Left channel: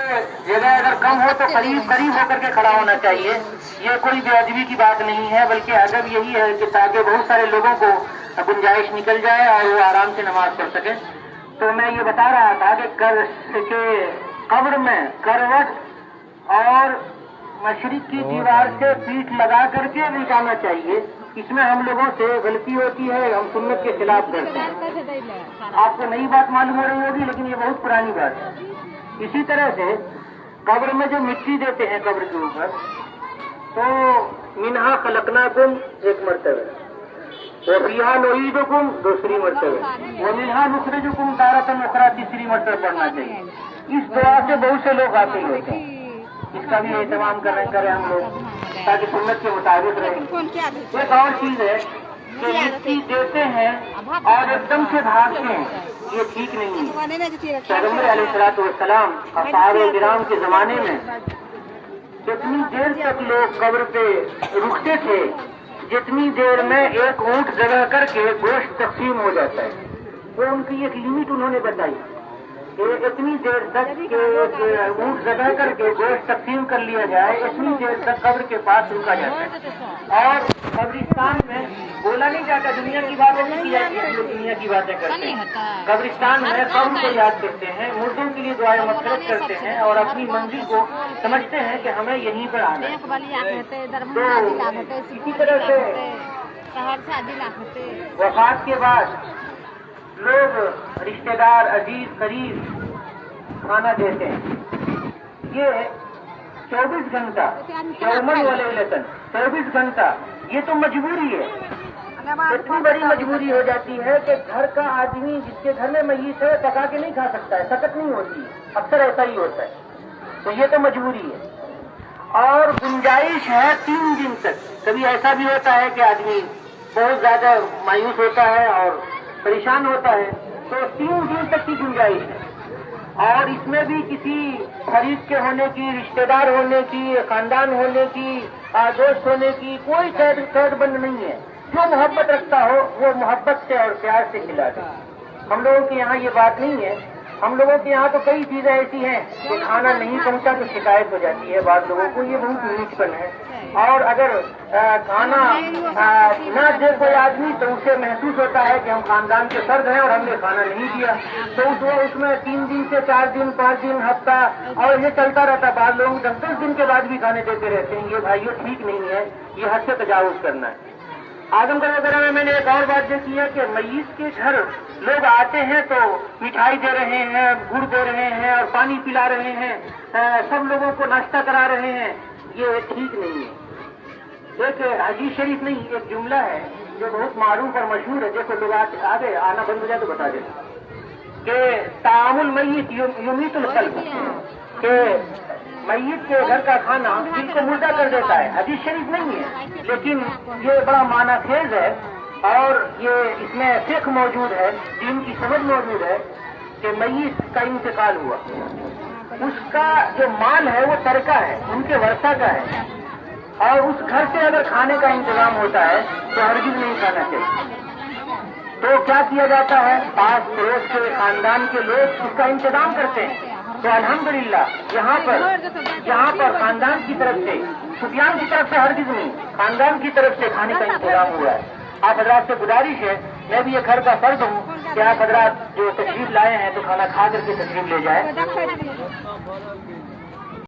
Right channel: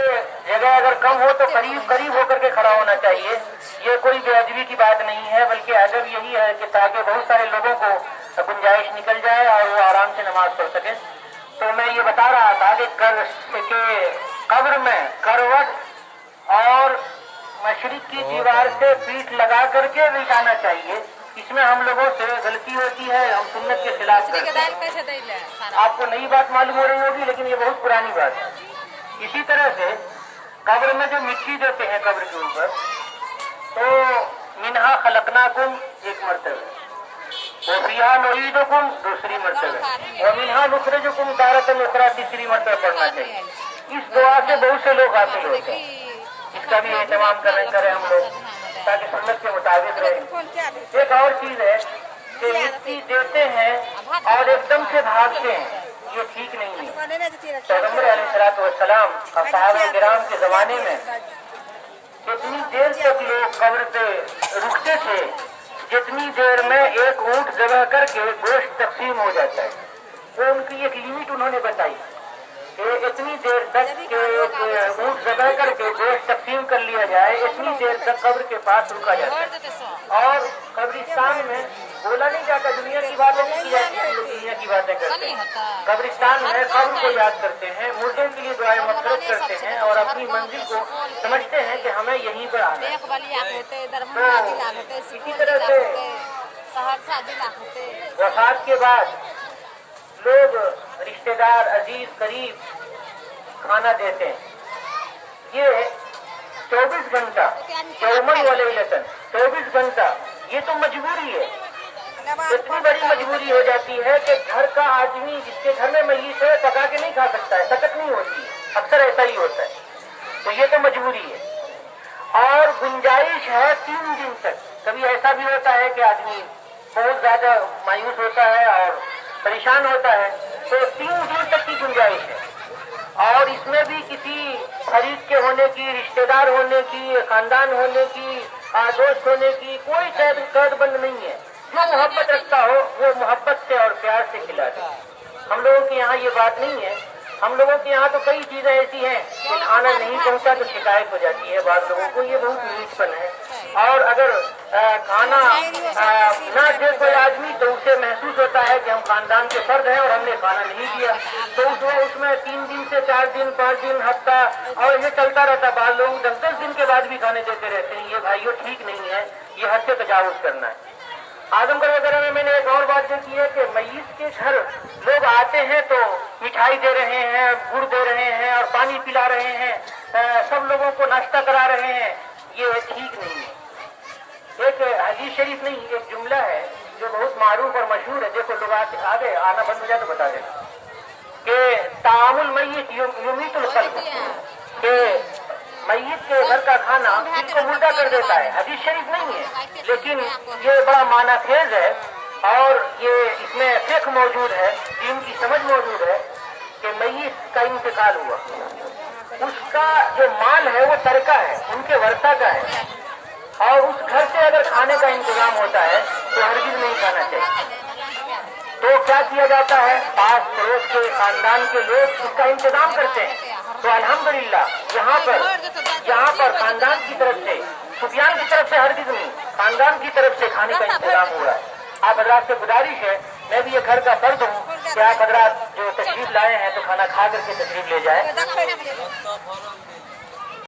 जगह अगर कम हो तो करीब करीब होकर के खड़ा होना चाहिए। ये कोई बेअदबी की बात नहीं है, बल्कि अदब यही है कि ताकि बहुत सारे लोगों को गुंजाइश निकल जाए और वो आराम से नमाज पढ़ सके। तो मैं ये बता रहा था कि कब्र में करवट और मशरिक की दीवार से पीठ लगा करके बिछाना चाहिए। इसमें हम लोगों से गलती होती है, हम सुन्नत के खिलाफ करते हैं। आपको नई बात मालूम हो रही होगी, लेकिन ये बहुत पुरानी बात है। इसी तरह से कब्र में जो मिट्टी देते हैं कब्र के ऊपर, तो मिन्हा खलकनाकुम एक मर्तबा, तो फिहा नुईदुकुम दूसरी मर्तबा, और मिन्हा नुखरिजुकुम तारतन उखरा तीसरी मर्तबा पढ़ना चाहिए। इस दुआ से बहुत से लोग हासिल होते हैं। इसका भी एहतमाम करें हम लोग, ताकि सुन्नत के मुताबिक रहे। एक और चीज है कि मिट्टी देते हैं और एकदम से भागते हैं, ये ठीक नहीं है। पैगंबर अलैहिस्सलाम असहाबे किराम के जमाने में जितनी देर तक लोग कब्र पे रुकते थे, जितनी देर में एक ऊंट जगह करके गोश्त तकसीम हो जाता है, वो उनकी एक लिमिट उन्होंने बताई कि इतनी देर तक ऊंट जगह करके गोश्त तकसीम कर लिया जाए, इतनी देर तक कब्र के पास रुका जाता है। और कब्रिस्तान में बोला नहीं जाता, दुनिया की बातें नहीं की जाती, लोग दुनिया की बातें करते हैं। कब्रिस्तान में कब्र को याद करते हैं, मुर्दों के लिए दुआएं मग़फ़िरत करते हैं और अपनी मंजिल को समझते हैं कि हमें यहीं पर आना है। इसी तरह से वफात के बाद लोग रिश्तेदार अजीज करीब खाना देते हैं। ये 24 घंटा 24 घंटा ये तो मजबूरी है। इतनी बड़ी मजबूरी हो जाती है कि घर का आदमी जिसके घर में मय्यत है पका के नहीं खा सकता है, सकत नहीं होती, अक्सर ऐसा ही होता है। तो ये तो मजबूरी है। और गुंजाइश है 3 दिन तक। कभी ऐसा भी होता है कि आदमी बहुत ज्यादा मायूस होता है और परेशान होता है, तो 3 दिन तक की गुंजाइश है। और इसमें भी किसी खरीद के होने की, रिश्तेदार होने की, खानदान होने की, दोस्त होने की कोई कैद बंद नहीं है। जो मोहब्बत रखता हो वो मोहब्बत से और प्यार से खिलाता। हम लोगों के यहाँ ये बात नहीं है। हम लोगों के यहाँ तो कई चीजें ऐसी हैं कि खाना नहीं पहुँचा तो शिकायत हो जाती है बाद लोगों को, ये बहुत नीचपन है। और अगर खाना ना दे कोई आदमी तो उसे महसूस होता है कि हम खानदान के फर्द हैं और हमने खाना नहीं दिया, तो उसमें 3 दिन से 4 दिन 5 दिन हफ्ता और ये चलता रहता। बाद लोग 10-10 दिन के बाद भी खाने देते रहते हैं। ये भाइयों ठीक नहीं है, ये हद से तजावुज करना है। आजमगढ़ वगैरह में मैंने एक और बात देखी है कि मय्यत के घर लोग आते हैं तो मिठाई दे रहे हैं, गुड़ दे रहे हैं और पानी पिला रहे हैं, सब लोगों को नाश्ता करा रहे हैं। ये ठीक नहीं है। एक हदीस शरीफ नहीं, एक जुमला है जो बहुत मारूफ और मशहूर है। देखो लोग आ गए, आना बंद हो जाए तो बता देना कि तामुल मय्यत युमीतुल क़ल्ब, कि मय्यत के घर का खाना दिल को मुर्दा कर देता है। हदीस शरीफ नहीं है, लेकिन ये बड़ा माना खेज है और ये इसमें फिक्र मौजूद है, दीन की समझ मौजूद है कि मय्यत का इंतकाल हुआ, उसका जो माल है वो तरका है, उनके वर्षा का है, और उस घर से अगर खाने का इंतजाम होता है तो हरगिज़ नहीं खाना चाहिए। तो क्या किया जाता है, पास पड़ोस के खानदान के लोग इसका इंतजाम करते हैं। तो अल्हम्दुलिल्लाह यहाँ पर खानदान की तरफ से, सुफियान की तरफ से हरगिज़ नहीं, खानदान की तरफ से खाने का इंतजाम हो रहा है। आप हजरात से गुजारिश है, मैं भी ये घर का फर्द हूँ कि आप हजरात जो तशरीफ लाए हैं तो खाना खा करके तशरीफ ले जाए।